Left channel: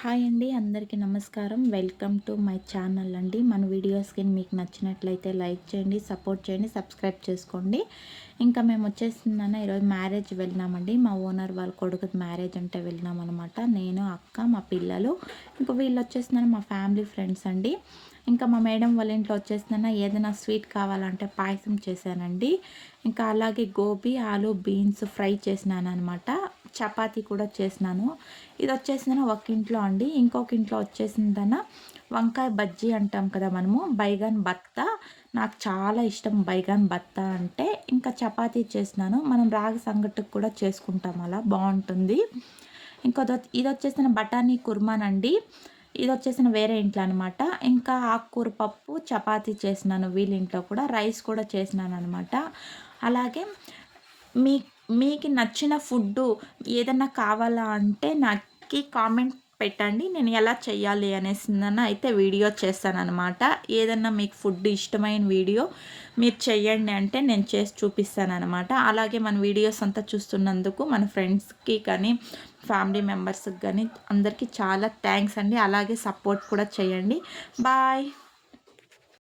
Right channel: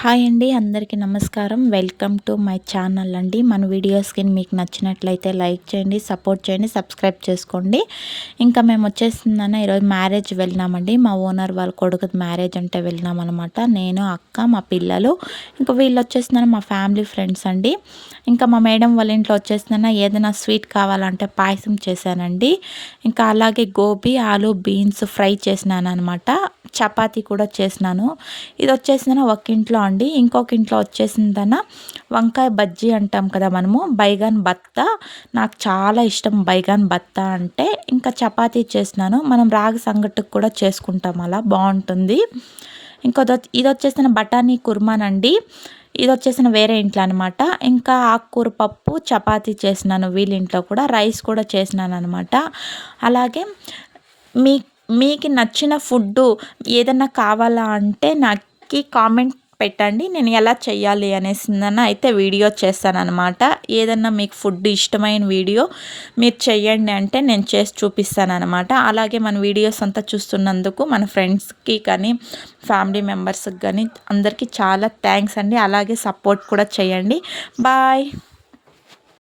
Hi అండి, అందరికీ నమస్కారం. వెల్కమ్ టు మై ఛానల్ అండి. మన వీడియోస్కి మీకు నచ్చినట్లయితే లైక్ చేయండి, సపోర్ట్ చేయండి, సబ్స్క్రైబ్ చేసుకోండి. ఇంకా మేము వచ్చేసిందన్న ఈరోజు మ్యారేజ్ వెళ్ళినామండి. మా ఓనర్ వాళ్ళ కొడుకు మ్యారేజ్ అంటే వెళ్ళినాం అనమాట. నేను, అక్క, మా పిల్లలు, ఇంకా వీళ్ళు వచ్చేసిందన్న మా ఫ్యామిలీ ఫ్రెండ్స్ అండి. ఇంకా మా మేడం వాళ్ళ ఇంట్లో వచ్చేసిందన్న ఏదైనా స్వీట్ కావాలంటే పాయసం చేశానండి. ఇంకా అలాగే గోబీ, ఆలు, బీన్స్ ఫ్రై చేసినాను అనమాట. చపాతీ కూడా చేసినాను. ఇది వచ్చేసిందన్న ఒక ఇంట్లో అండి. ఇంకొక ఇంట్లో వచ్చేసిందన్న వంకాయ బజ్జీ అంటాం కదా మనము, బైగాన్ బత్తా. నాకు చాలా ఇష్టం బైగాన్ బత్తా అంటే. ఇంకా చపాతీ చేసినాను. మనం రాగి సంగటికి కూడా చేసుకుంటాం, అలా బాగుంటుంది. ఇది వచ్చేసిన బఠానీ కుర్మానండి. ఇది వచ్చేసిన వేరే ఇంట్లో అనమాట. ఇంకా ఆకుకూర పప్పు చపాతీ చేసినాను వీళ్ళ ఇంట్లో కూడా. రైస్ కూడా చేసినాను అనమాట. అలాగే మీ మీకు నచ్చిన ఫుడ్డు ఏదన్నా కావాలా అంటే నాకు కామెంట్ పెట్టండి. నేను ఎలా చేయాలి అనేసిందన్న అయితే వీడియో చేస్తానన్నమాట. ఏదన్నా మీకు ఫుడ్ ఇష్టమైన వీడియో మీరు చెయ్యండి అంటే నేను చేసి చూపిస్తానన్నమాట. అలాగే మన వీడియోస్ అంతా చూస్తున్నందుకు మన ఫ్రెండ్స్కి కానీ ఫ్యామిలీ మెంబర్స్కి కానీ అందరికీ చాలా థ్యాంక్స్ అండి. అలాగే సపోర్ట్ కూడా చేయండి. బాయ్.